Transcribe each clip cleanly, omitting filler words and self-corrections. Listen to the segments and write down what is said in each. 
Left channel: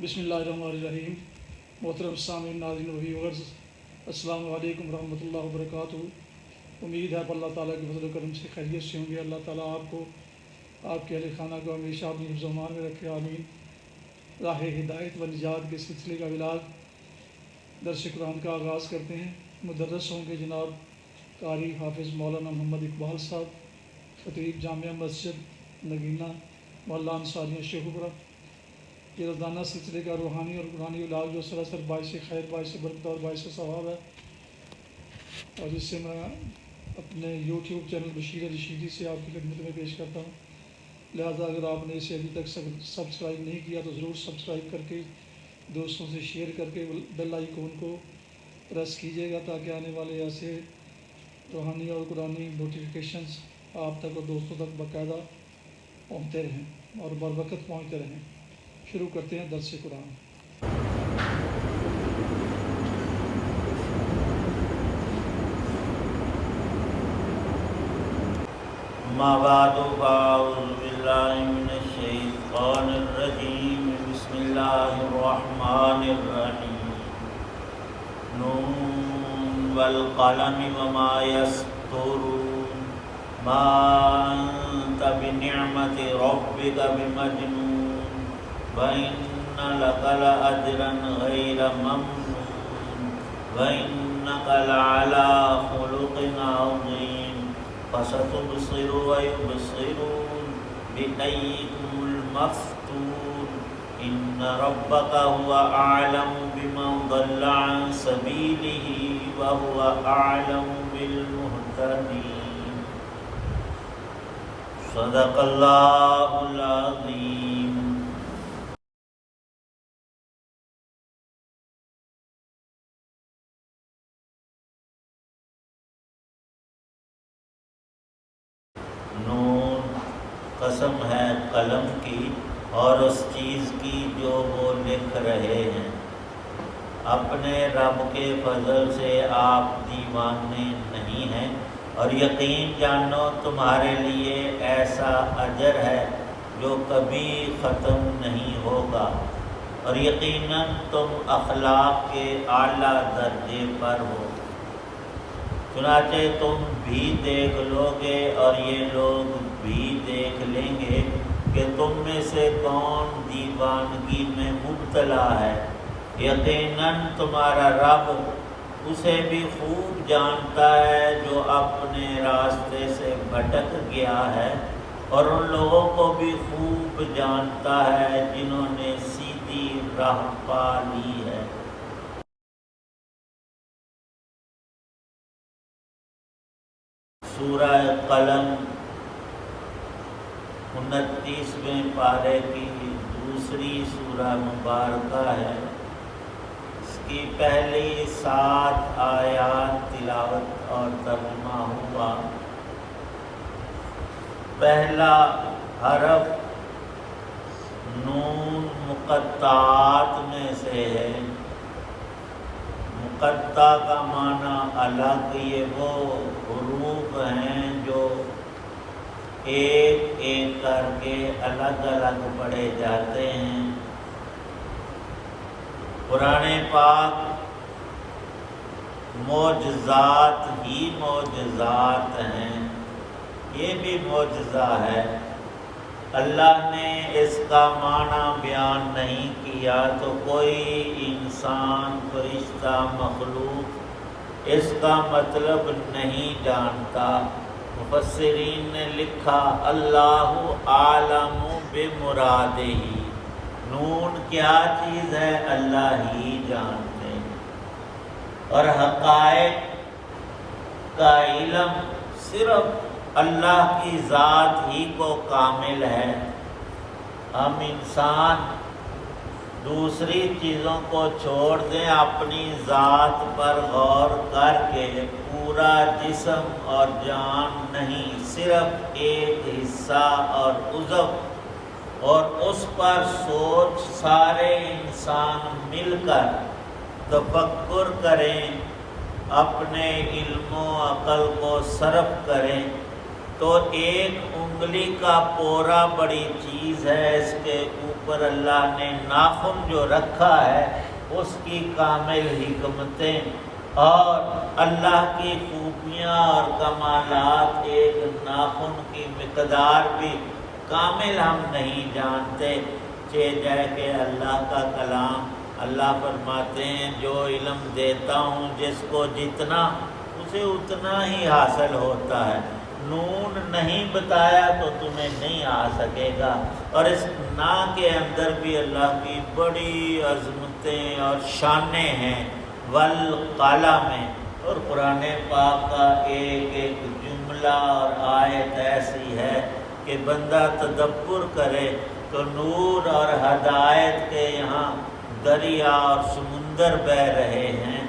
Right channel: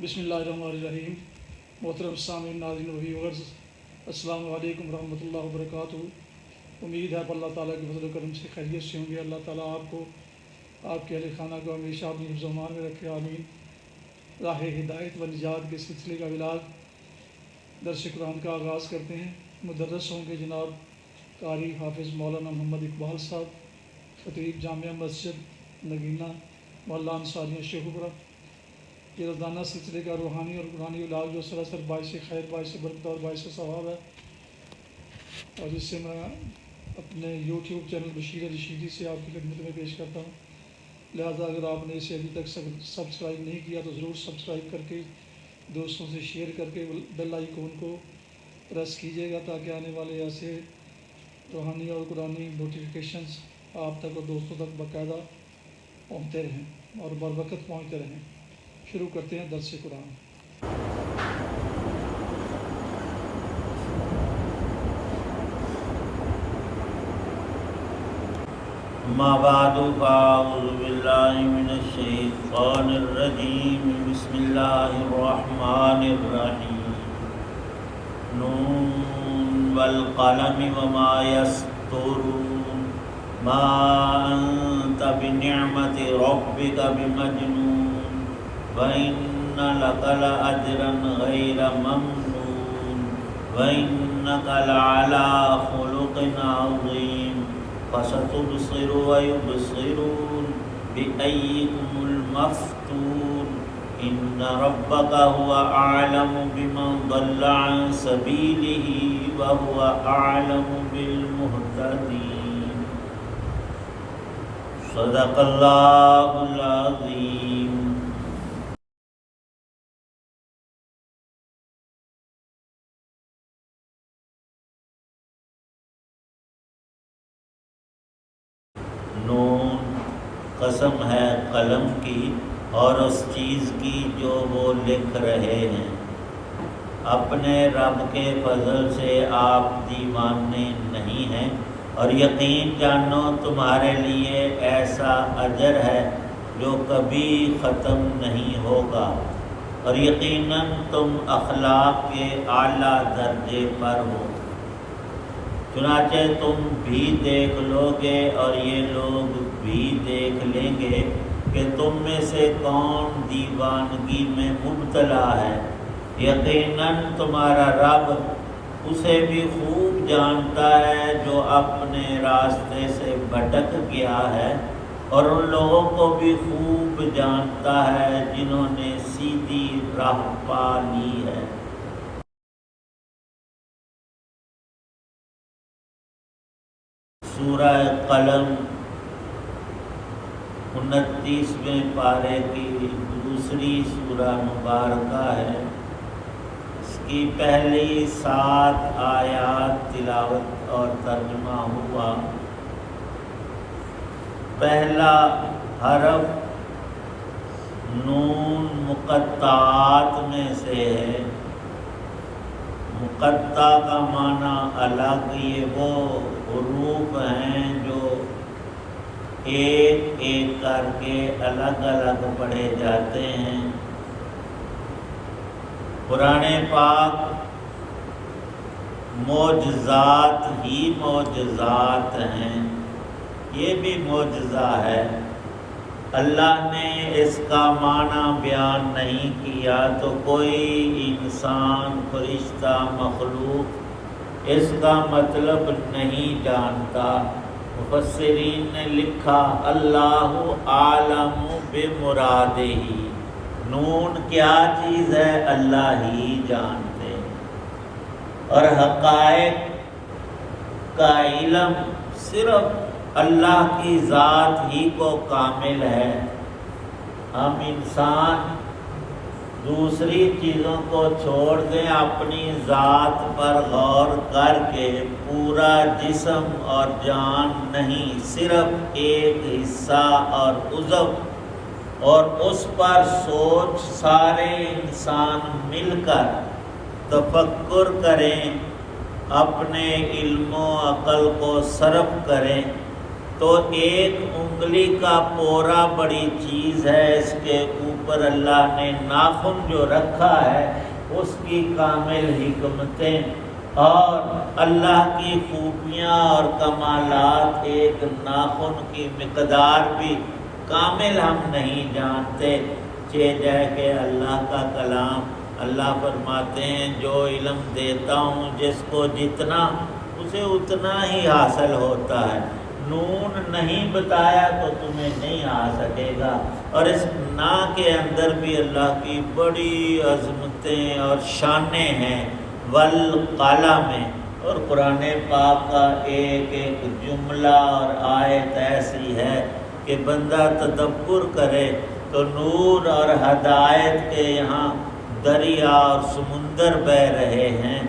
بسم اللہ الرحمن الرحیم۔ محترم سامعین، ناظرین و ویورز، السلام علیکم ورحمۃ اللہ وبرکاتہ۔ امید ہے اللہ تعالیٰ کے فضل و کرم سے خیریت سے ہوں گے۔ اللہ تعالیٰ آپ کو، آپ کے اہل خانہ کو ہمیشہ اپنی حفظ و امان میں رکھے، آمین۔ راہ ہدایت و نجات کے سلسلے کا ولاگ درس قرآن کا آغاز کرتے ہیں۔ مدرس ہوں گے جناب قاری حافظ مولانا محمد اقبال صاحب، خطیب جامعہ مسجد نگینہ محلہ انصاریہ شیخوپورہ۔ یہ روزانہ سلسلے کا روحانی اور قرآنی علاج جو سراسر باعث خیر، باعث برکت اور باعث ثواب ہے، اور جس سے میں اپنے یوٹیوب چینل بشیر رشیدی سے آپ کی خدمت میں پیش کرتا ہوں۔ لہٰذا اگر آپ نے اسے ابھی تک سبسکرائب نہیں کیا تو ضرور سبسکرائب کر کے دوستوں سے شیئر کر کے بیل آئیکن کو پریس کیجیے گا، تاکہ آنے والے ایسے روحانی اور قرآنی نوٹیفیکیشنز آپ تک اور دوستوں تک باقاعدہ پہنچتے رہیں اور بر وقت پہنچتے رہیں۔ شروع کرتے ہیں درس قرآن۔ اما بعد فاعوذ باللہ من الشیطان الرجیم، بسم اللہ الرحمن الرحیم۔ نون والقلم وما یسطرون، ما انت بنعمت ربک بمجنون، وَإِنَّ لَكَ لَأَجْرًا غَيْرَ مَمْنُونٍ، وَإِنَّكَ لَعَلَىٰ خُلُقٍ عَظِيمٍ۔ فَسَتُبْصِرُ وَيُبْصِرُونَ بِأَيِّكُمُ الْمَفْتُونُ، إِنَّ رَبَّكَ هُوَ أَعْلَمُ بِمَنْ ضَلَّ عَنْ سَبِيلِهِ وَهُوَ أَعْلَمُ بِالْمُهْتَدِينَ۔ صدق اللہ العظیم۔ نون، قسم ہے قلم کی اور اس چیز کی جو وہ لکھ رہے ہیں۔ اپنے رب کے فضل سے آپ دیوانے نہیں ہیں، اور یقین جانو تمہارے لیے ایسا اجر ہے جو کبھی ختم نہیں ہوگا، اور یقیناً تم اخلاق کے اعلیٰ درجے پر ہو۔ چنانچہ تم بھی دیکھ لو گے اور یہ لوگ بھی دیکھ لیں گے کہ تم میں سے کون دیوانگی میں مبتلا ہے۔ یقیناً تمہارا رب اسے بھی خوب جانتا ہے جو اپنے راستے سے بھٹک گیا ہے، اور ان لوگوں کو بھی خوب جانتا ہے جنہوں نے سیدھی راہ پا لی ہے۔ سورہ قلم 29ویں پارے کی دوسری سورہ مبارکہ ہے۔ اس کی پہلی 7 آیات تلاوت اور ترجمہ ہوا۔ پہلا حرف نون مقطعات میں سے ہے۔ مقطع کا معنی الگ، یہ وہ حروف ہیں جو ایک ایک کر کے الگ الگ پڑھے جاتے ہیں۔ قرآن پاک معجزات ہی معجزات ہیں، یہ بھی معجزہ ہے۔ اللہ نے اس کا معنی بیان نہیں کیا تو کوئی انسان، فرشتہ، مخلوق اس کا مطلب نہیں جانتا۔ مفسرین نے لکھا اللہ عالم بمرادہ، نون کیا چیز ہے اللہ ہی جانتے، اور حقائق کا علم صرف اللہ کی ذات ہی کو کامل ہے۔ ہم انسان دوسری چیزوں کو چھوڑ دیں، اپنی ذات پر غور کر کے پورا جسم اور جان نہیں، صرف ایک حصہ اور عضو، اور اس پر سوچ سارے انسان مل کر تفکر کریں، اپنے علم و عقل کو صرف کریں تو ایک انگلی کا پورا بڑی چیز ہے، اس کے اوپر اللہ نے ناخن جو رکھا ہے اس کی کامل حکمتیں اور اللہ کی خوبیاں اور کمالات، ایک ناخن کی مقدار بھی کامل ہم نہیں جانتے، جائے کہ اللہ کا کلام اللہ فرماتے ہیں جو علم دیتا ہوں جس کو جتنا اسے اتنا ہی حاصل ہوتا ہے، نون نہیں بتایا تو تمہیں نہیں آ سکے گا۔ اور اس نا کے اندر بھی اللہ کی بڑی عظمتیں اور شانیں ہیں، والقلم میں، اور قرآن پاک کا ایک ایک جملہ اور آیت ایسی ہے کہ بندہ تدبر کرے تو نور اور ہدایت کے یہاں دریا اور سمندر بہہ رہے ہیں۔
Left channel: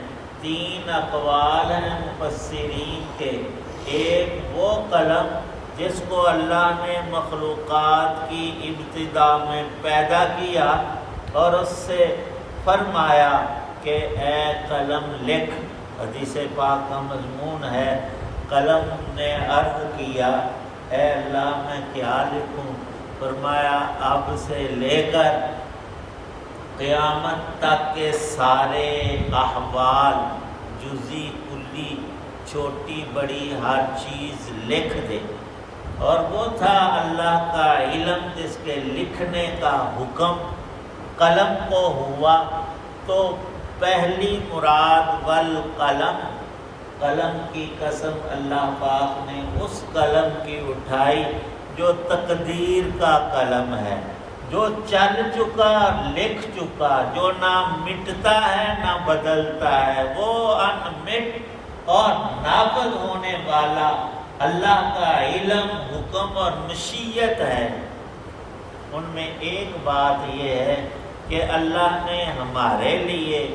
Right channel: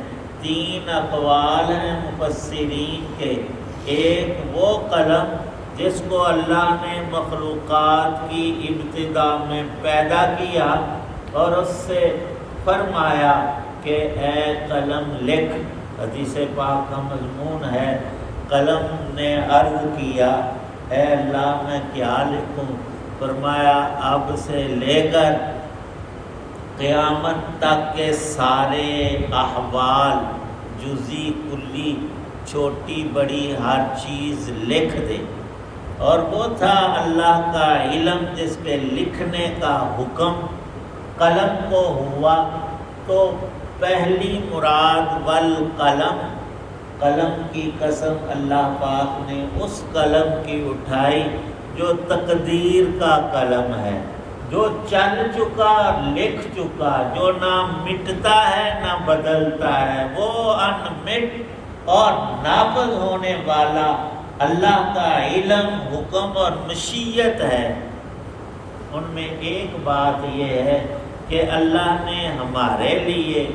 3 اقوال ہیں مفسرین کے، ایک وہ قلم جس کو اللہ نے مخلوقات کی ابتدا میں پیدا کیا اور اس سے فرمایا کہ اے قلم لکھ، حدیث پاک کا مضمون ہے، قلم نے عرض کیا اے اللہ میں کیا لکھوں؟ فرمایا اب سے لے کر قیامت تک کے سارے احوال، جزی کلی، چھوٹی بڑی ہر چیز لکھ دے۔ اور وہ تھا اللہ کا علم جس کے لکھنے کا حکم قلم کو ہوا، تو پہلی مراد والقلم، قلم کی قسم اللہ پاک نے اس قلم کی اٹھائی جو تقدیر کا قلم ہے، جو چل چکا لکھ چکا، جو نہ مٹتا ہے نہ بدلتا ہے، وہ انمٹ اور نافذ ہونے والا اللہ کا علم، حکم اور مشیت ہے۔ ان میں ایک بات یہ ہے کہ اللہ نے ہمارے لیے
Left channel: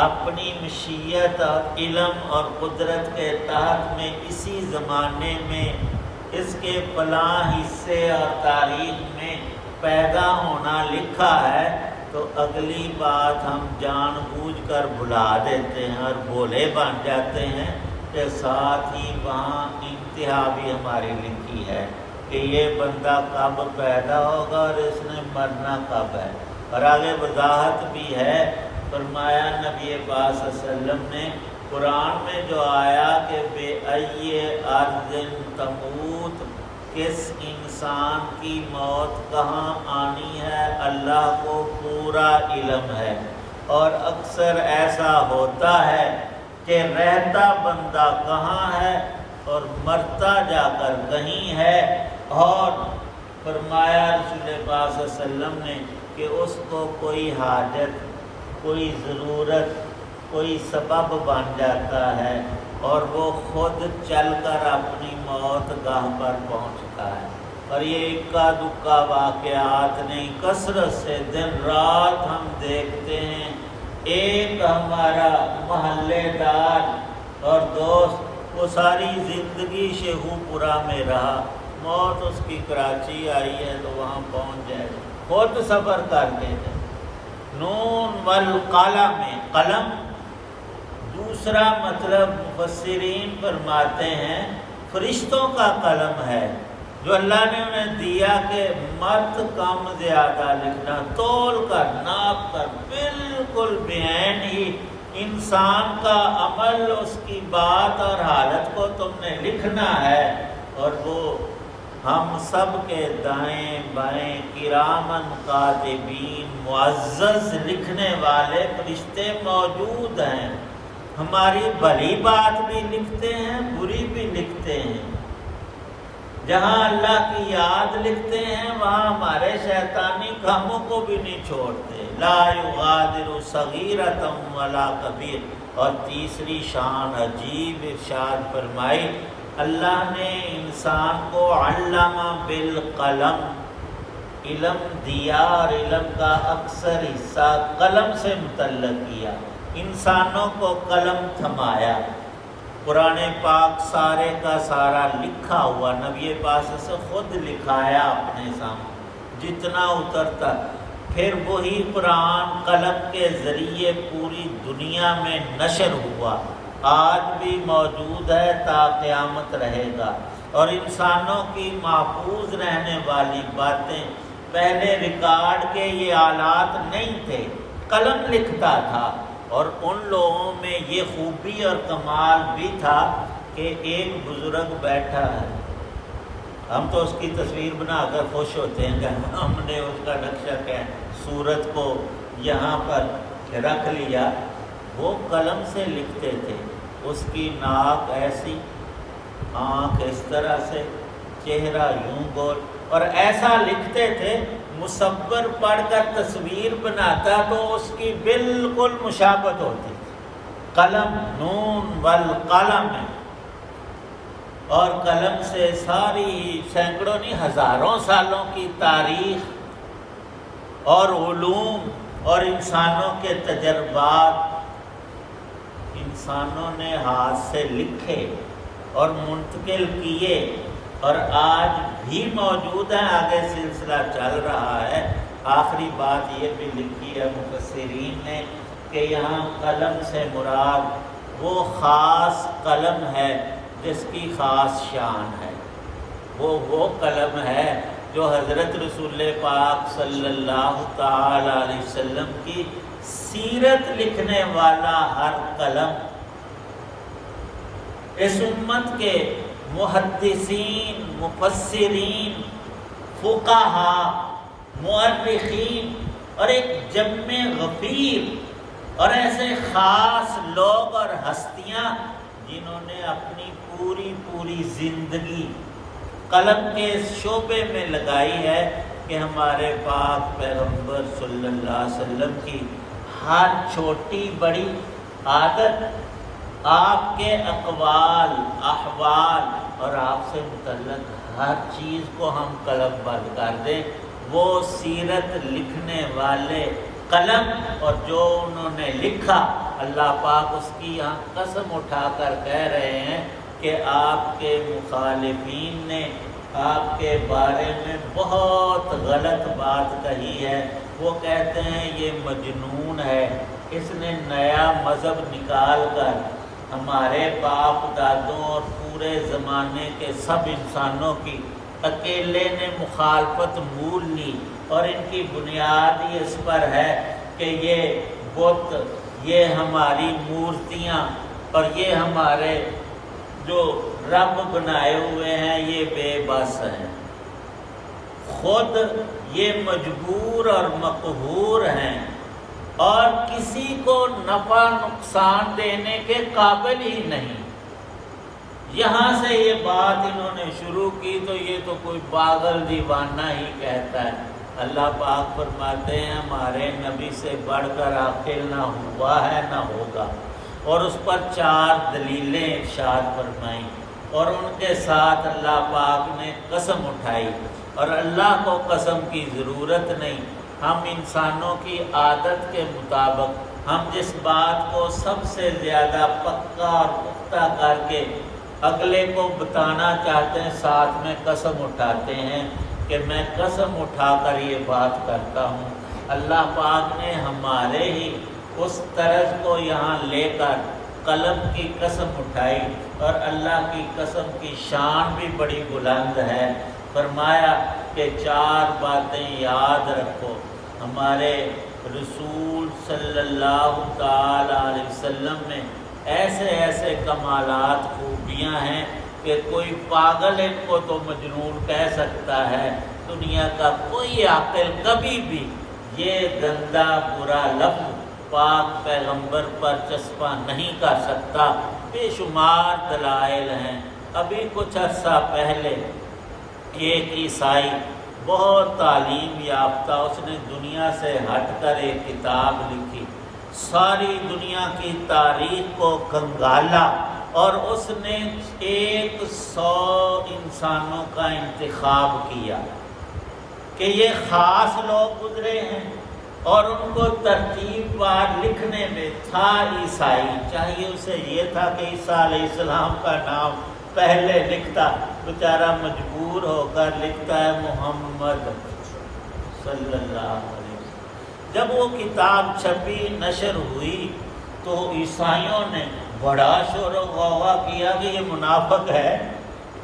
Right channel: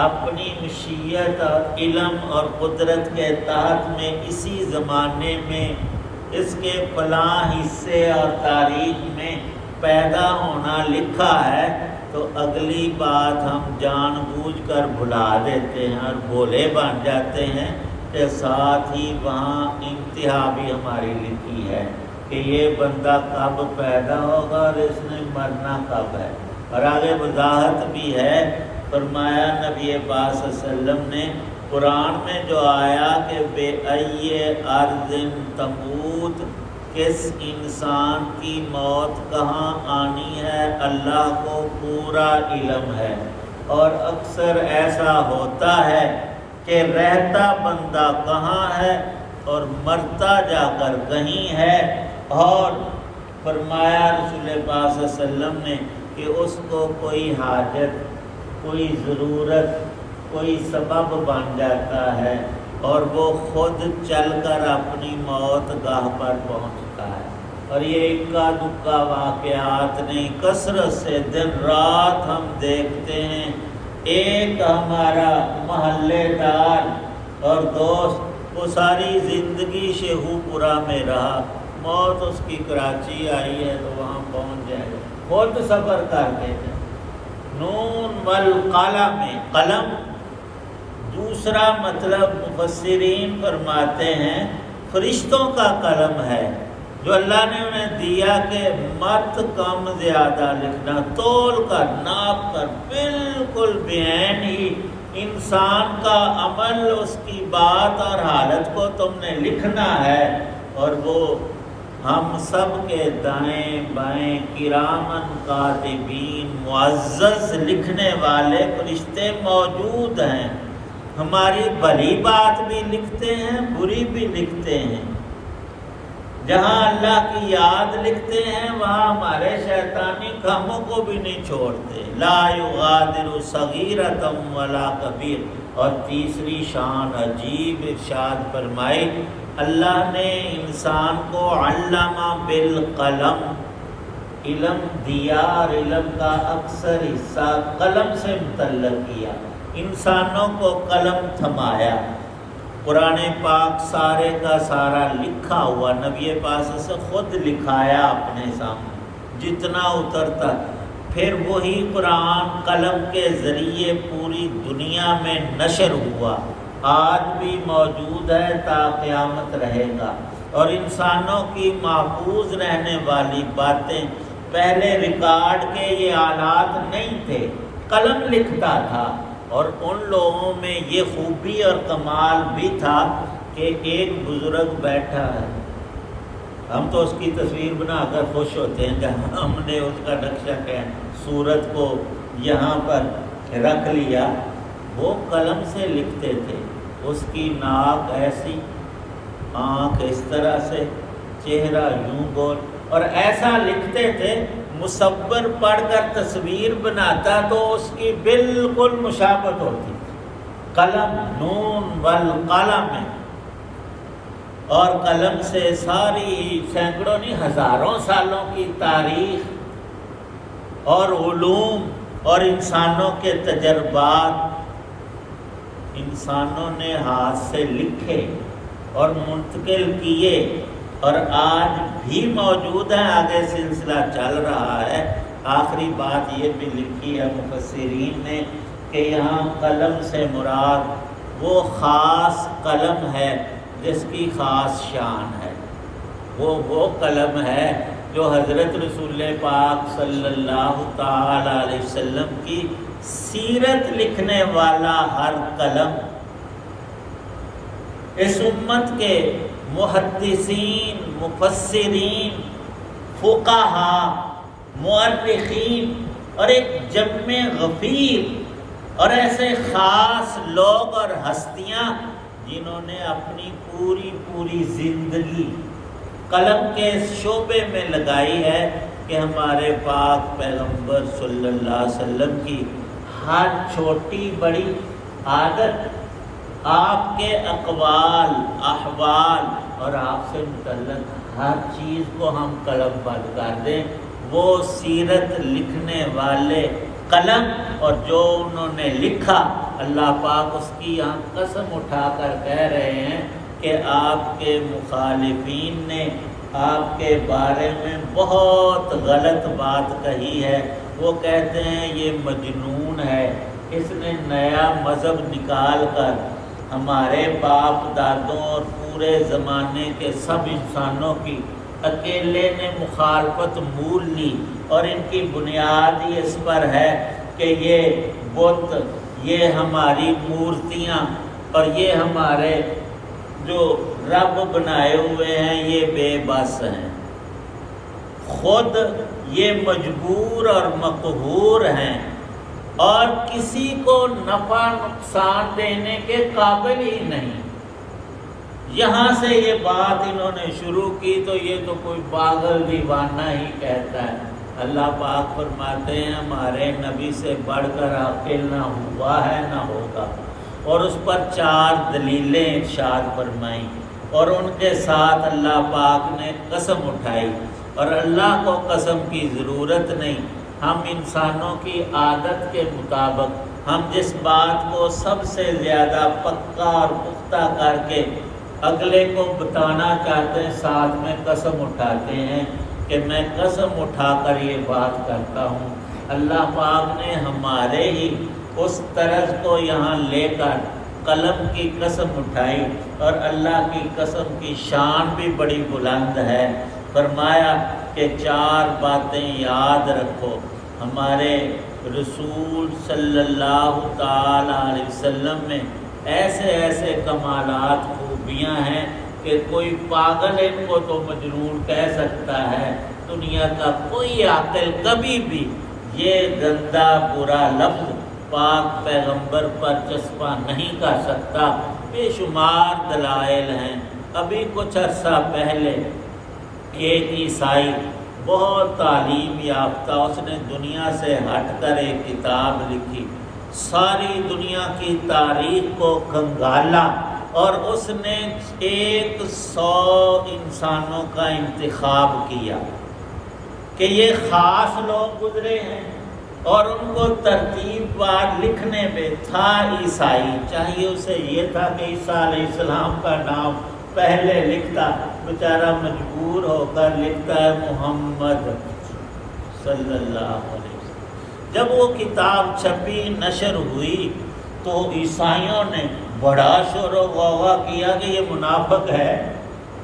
اپنی مشیت اور علم اور قدرت کے تحت میں اسی زمانے میں اس کے فلاں حصے اور تاریخ میں پیدا ہونا لکھا ہے، تو اگلی بات ہم جان بوجھ کر بھلا دیتے ہیں اور بولے بن جاتے ہیں کہ ساتھ ہی وہاں انتہا بھی ہماری لکھی ہے کہ یہ بندہ کب پیدا ہوگا اور اس نے مرنا کب ہے۔ اور آگے وضاحت بھی ہے، فرمایا نبی پاک صلی اللہ علیہ وسلم نے قرآن میں جو آیا کہ بے ای ارض تموت، کس انسان کی موت کہاں آنی ہے اللہ کو پورا علم ہے۔ اور اکثر ایسا ہوتا ہے کہ رہتا بندہ کہاں ہے اور مرتا جا کر کہیں ہے، اور فرمایا رسول پاک صلی اللہ علیہ وسلم نے کہ اس کو کوئی حاجت، کوئی ضرورت، کوئی سبب بن جاتا ہے اور وہ خود چل کر اپنی موت گاہ پر پہنچتا ہے۔ اور یہ اکا دکا واقعات نہیں، کثرت سے دن رات ہم دیکھتے ہیں۔ ایک ہمارا محلے دار اور دوست، وہ ساری زندگی شیخو پورہ میں رہا، موت اس کی کراچی آئی ہے تو وہاں پہنچ جائے گا، خود سفر کر دے گا۔ نون والقلم میں قلم، دوسرا مطلب مفسرین فرماتے ہیں فرشتوں کا قلم ہے جو اللہ نے انہیں دیا کہ مت کم زیادہ لکھنا، تول کر ناپ کر بالکل بعین ہی انسان کا عمل، اس کی بات اور حالت کو تم نے لکھنا ہے۔ اور وہ ہم سب کے دائیں بائیں کرامن کاتبین، معزز لکھنے والے فرشتے موجود ہیں، ہماری بھلی بات بھی لکھتے ہیں، بری بھی لکھتے ہیں۔ جہاں اللہ کی یاد لکھتے ہیں وہاں ہمارے شیطانی کاموں کو بھی نہیں چھوڑتے، لا یغادر صغیرۃ ولا کبیر۔ اور تیسری شان عجیب ارشاد فرمائی، اللہ نے انسان کو علم بالقلم، علم دیا اور علم کا اکثر حصہ قلم سے متعلق کیا، انسانوں کو قلم تھمایا۔ قرآن پاک سارے کا سارا لکھا ہوا، نبی پاک سے خود لکھایا اپنے سامنے جتنا اترتا، پھر وہی قرآن قلم کے ذریعے پوری دنیا میں نشر ہوا، آج بھی موجود ہے تا قیامت رہے گا۔ اور انسانوں کی محفوظ رہنے والی باتیں، پہلے ریکارڈ کے یہ آلات نہیں تھے، قلم لکھتا تھا، اور ان لوگوں میں یہ خوبی اور کمال بھی تھا کہ ایک بزرگ بیٹھا ہے، ہم تو اس کی تصویر بنا کر خوش ہوتے ہیں کہ ہم نے اس کا نقشہ کیا صورت کو یہاں پر رکھ لیا، وہ قلم سے لکھتے تھے، اس کی ناک ایسی، آنکھ اس طرح سے، چہرہ یوں گول، اور ایسا لکھتے تھے، مصور پڑھ کر تصویر بناتا تو اس کی بالکل مشابہت ہوتی تھی، قلم نون والقلم، اور قلم سے ساری سینکڑوں نہیں ہزاروں سالوں کی تاریخ اور علوم اور انسانوں کے تجربات انسانوں نے ہاتھ سے لکھے اور منتقل کیے، اور آج بھی موجود ہیں، آگے سلسلہ چل رہا ہے۔ آخری بات یہ بھی لکھی ہے مفسرین نے کہ یہاں قلم سے مراد وہ خاص قلم ہے جس کی خاص شان ہے، وہ قلم ہے جو حضرت رسول پاک صلی اللہ تعالی علیہ وسلم کی سیرت لکھنے والا ہر قلم اس امت کے محدثین، مفسرین، فقہاء، مؤرخین اور ایک جمع غفیر اور ایسے خاص لوگ اور ہستیاں جنہوں نے اپنی پوری زندگی قلم کے شعبے میں لگائی ہے کہ ہمارے پاک پیغمبر صلی اللہ علیہ وسلم کی ہر چھوٹی بڑی عادت، آپ کے اقوال، احوال اور آپ سے متعلق ہر چیز کو ہم قلم بند کر دیں، وہ سیرت لکھنے والے قلم، اور جو انہوں نے لکھا، اللہ پاک اس کی یہاں قسم اٹھا کر کہہ رہے ہیں کہ آپ کے مخالفین نے آپ کے بارے میں بہت غلط بات کہی ہے، وہ کہتے ہیں یہ مجنون ہے، اس نے نیا مذہب نکال کر ہمارے باپ دادوں اور پورے زمانے کے سب انسانوں کی اکیلے نے مخالفت مول لی، اور ان کی بنیاد ہی اس پر ہے کہ یہ بت، یہ ہماری مورتیاں اور یہ ہمارے جو رب بنائے ہوئے ہیں یہ بے بس ہیں، خود یہ مجبور اور مقہور ہیں اور کسی کو نفع نقصان دینے کے قابل ہی نہیں۔ یہاں سے یہ بات انہوں نے شروع کی تو یہ تو کوئی پاگل دیوانہ ہی کہتا ہے۔ اللہ پاک فرماتے ہیں ہمارے نبی سے بڑھ کر عاقل نہ ہوا ہے نہ ہوگا، اور اس پر 4 دلیلیں ارشاد فرمائیں، اور ان کے ساتھ اللہ پاک نے قسم اٹھائی، اور اللہ کو قسم کی ضرورت نہیں، ہم انسانوں کی عادت کے مطابق ہم جس بات کو سب سے زیادہ پکا اور پختہ کر کے اگلے کو بتانا چاہتے ہیں، ساتھ میں قسم اٹھاتے ہیں کہ میں قسم اٹھا کر یہ بات کرتا ہوں۔ اللہ پاک نے ہمارے ہی اس طرز کو یہاں لے کر قلم کی قسم اٹھائی، اور اللہ کی قسم کی شان بھی بڑی بلند ہے۔ فرمایا کہ 4 باتیں یاد رکھو، ہمارے رسول صلی اللہ تعالی علیہ وسلم میں ایسے ایسے کمالات، خوبیاں ہیں کہ کوئی پاگل ان کو تو مجنون کہہ سکتا ہے، دنیا کا کوئی عاقل کبھی بھی یہ گندا برا لفظ پاک پیغمبر پر چسپاں نہیں کر سکتا۔ بے شمار دلائل ہیں۔ ابھی کچھ عرصہ پہلے ایک عیسائی بہت تعلیم یافتہ، اس نے دنیا سے ہٹ کر ایک کتاب لکھی، ساری دنیا کی تاریخ کو کھنگالا، اور اس نے 100 انسانوں کا انتخاب کیا کہ یہ خاص لوگ گزرے ہیں، اور ان کو ترتیب وار لکھنے میں تھا عیسائی، چاہیے اسے یہ تھا کہ عیسیٰ علیہ السلام کا نام پہلے لکھتا، بیچارہ مجبور ہو کر لکھتا ہے محمد صلی اللہ علیہ وسلم۔ جب وہ کتاب چھپی، نشر ہوئی، تو عیسائیوں نے بڑا شور و غوغا کیا کہ یہ منافق ہے،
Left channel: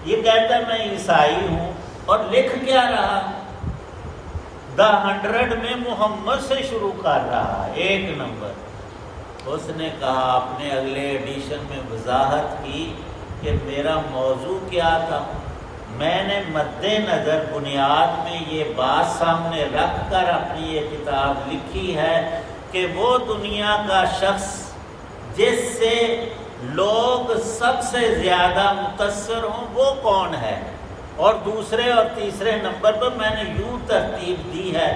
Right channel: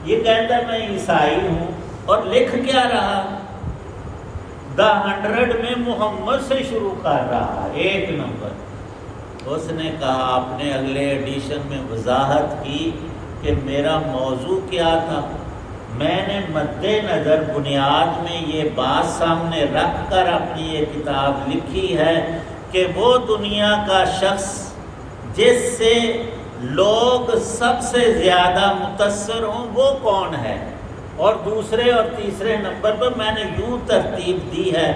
یہ کہتا ہے میں عیسائی ہوں، اور لکھ کیا رہا؟ دا 100 میں محمد سے شروع کر رہا، 1 نمبر۔ اس نے کہا، اپنے اگلے ایڈیشن میں وضاحت کی کہ میرا موضوع کیا تھا۔ میں نے مد نظر بنیاد میں یہ بات سامنے رکھ کر اپنی یہ کتاب لکھی ہے کہ وہ دنیا کا شخص جس سے لوگ سب سے زیادہ متاثر ہوں وہ کون ہے، اور دوسرے اور تیسرے نمبر پر میں نے یوں ترتیب دی ہے،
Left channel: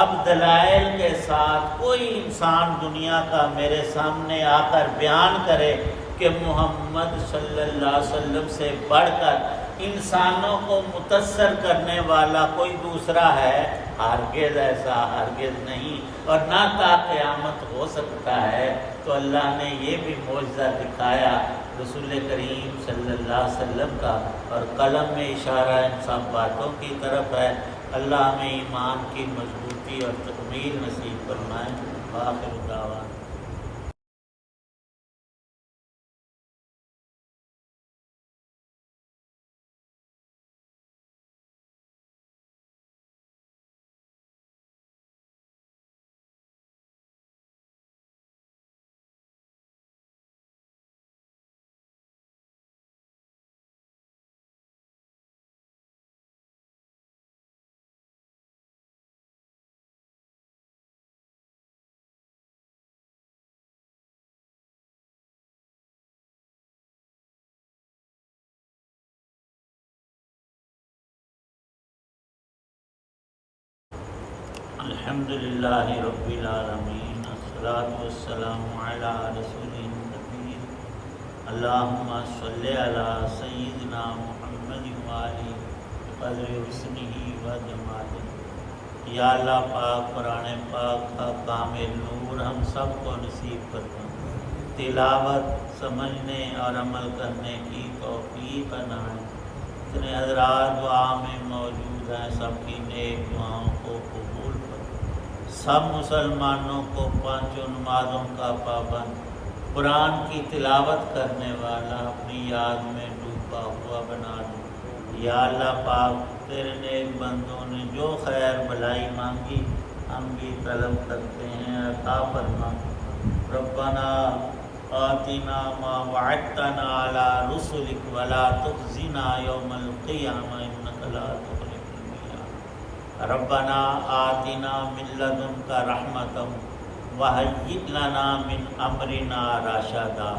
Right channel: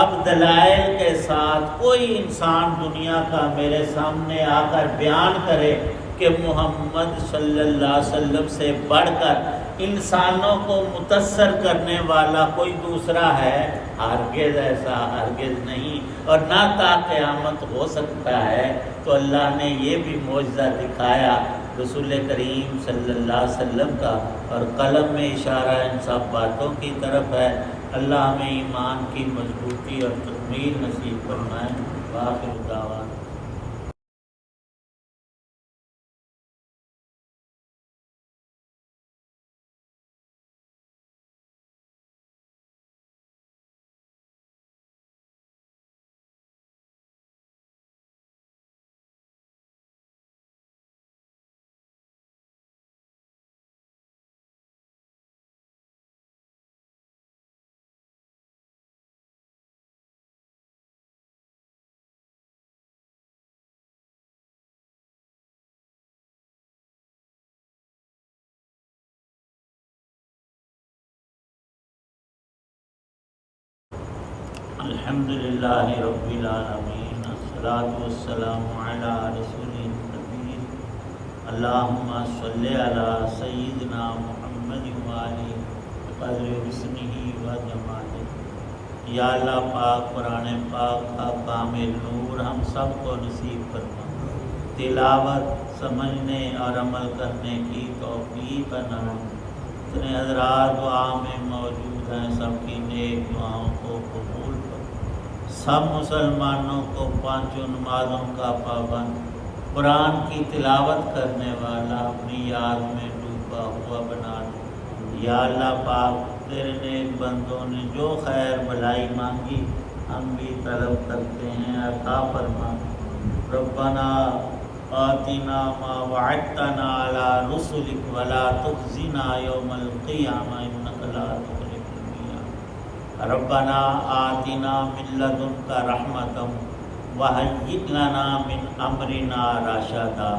اب دلائل کے ساتھ کوئی انسان دنیا کا میرے سامنے آ کر بیان کرے کہ محمد صلی اللہ علیہ وسلم سے بڑھ کر انسانوں کو متاثر کرنے والا کوئی دوسرا ہے، ہرگز ایسا ہرگز نہیں، اور نہ تا قیامت ہو سکتا ہے۔ تو اللہ نے یہ بھی معجزہ دکھایا رسول کریم صلی اللہ علیہ وسلم کا، اور قلم میں اشارہ ان سب باتوں کی طرف ہے۔ اللہ ہمیں ایمان کی مضبوطی اور تکمیل نصیب فرمائے۔ وآخر دعوانا۔ الحمدللہ رب العالمین، الصلاۃ والسلام علی رسول النبی، اللہم صلی علی سیدنا محمد وآلہ قدر حسنہ و جمالہ۔ یا اللہ پاک قرآن پاک کا کامل نور ہم سب کو نصیب فرما، تلاوت سمجھنے اور عمل کرنے کی توفیق عنایت۔ اتنے حضرات دعا میں موجود ہیں، سب کی نیک دعاؤں کو قبول کر، سب مسلمانوں کو 5 نمازوں کا پابند، قرآن کی تلاوت کرنے والا، اپنی یاد میں ڈوبا ہوا بنا دے۔ یا اللہ پاک تیرے نیک بندوں نے جو خیر بلائی مانگی ہم بھی طلب کرتے ہیں، عطا فرما۔ ربنا آتنا ما وعدتنا علی رسلک ولا تخزنا یوم القیامہ انک لا تخلف الميعاد۔ ربنا آتنا من لدنک رحمۃ وہیئ لنا من امرنا رشدا،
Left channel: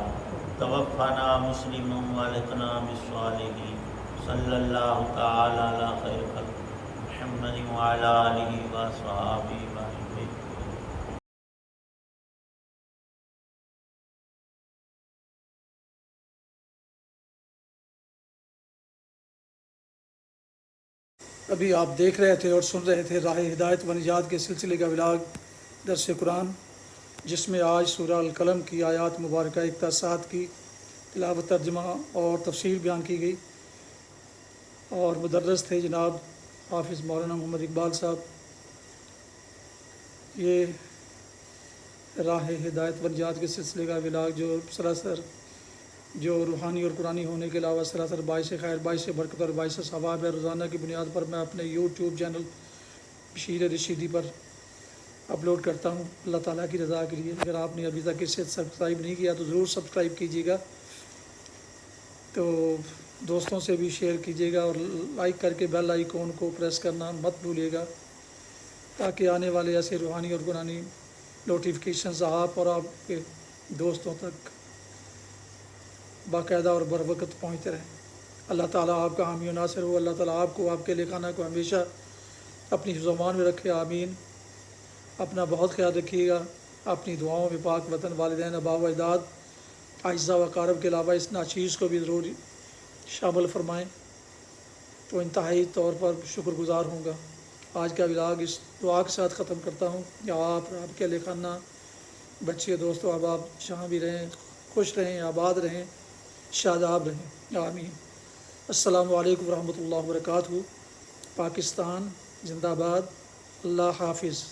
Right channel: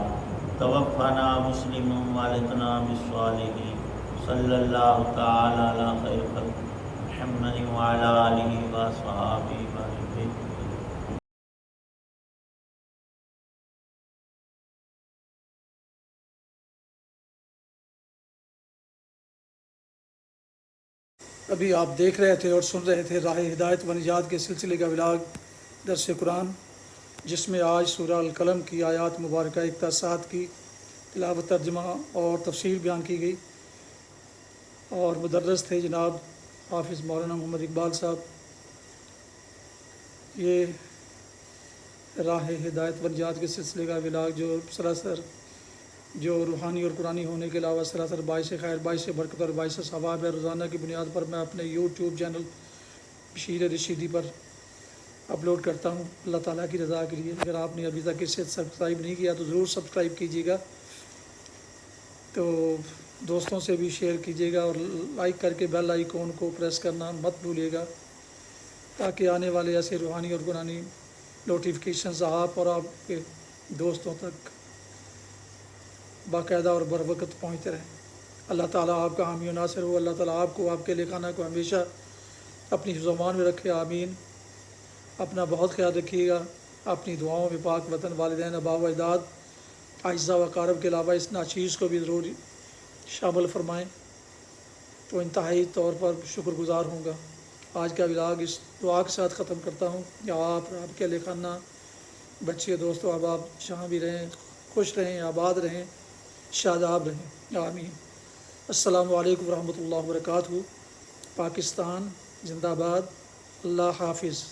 توفنا مسلما والحقنا بالصالحین۔ صلی اللہ تعالی علی خیر خلق محمد وعلی آلہ وصحبہ وسلم۔ ابھی آپ دیکھ رہے تھے اور سن رہے تھے راہ ہدایت و نجات کے سلسلے کا ولاگ درس قرآن، جس میں آج سورہ القلم کی آیات مبارکہ 61 کی تلاوت، ترجمہ اور تفسیر بیان کی گئی، اور مدرس تھے جناب حافظ مولانا محمد اقبال صاحب۔ یہ راہ ہدایت و نجات کے سلسلے کا ولاگ جو سراسر جو روحانی اور قرآنی ہونے کے علاوہ سراسر باعث خیر، باعث برکت اور باعث ثواب ہے، روزانہ کی بنیاد پر میں اپنے یوٹیوب چینل بشیر رشیدی پر اپلوڈ کرتا ہوں، اللہ تعالیٰ کی رضا کے لیے۔ اگر آپ نے ابھی تک اسے سبسکرائب نہیں کیا تو ضرور سبسکرائب کیجیے گا، تو دوستوں سے بھی شیئر کیجیے گا، اور لائک کر کے بیل آئیکن کو پریس کرنا مت بھولیے گا، تاکہ آنے والے ایسے روحانی اور قرآنی نوٹیفیکیشنز آپ اور آپ کے دوستوں تک باقاعدہ اور بر وقت پہنچتے رہیں۔ اللہ تعالیٰ آپ کا حامی و ناصر ہو، اللہ تعالیٰ آپ کو، آپ کے اہل خانہ کو ہمیشہ اپنی زبان میں رکھے، آمین۔ اپنا بہت خیال رکھیے گا، اپنی دعاؤں میں پاک وطن، والدین، آباء و اجداد، اعزاء و اقارب کے علاوہ اس ناچیز کو بھی ضرور شامل فرمائیں، تو انتہائی طور پر شکر گزار ہوں گا۔ آج کا ولاگ اس دعا کے ساتھ ختم کرتا ہوں، یا آپ کے اہل خانہ، بچے، دوست و احباب جہاں بھی رہیں، خوش رہیں، آباد رہیں، شاداب رہیں، آمین۔ السلام علیکم ورحمۃ اللہ وبرکاتہ۔ پاکستان زندہ باد، اللہ حافظ۔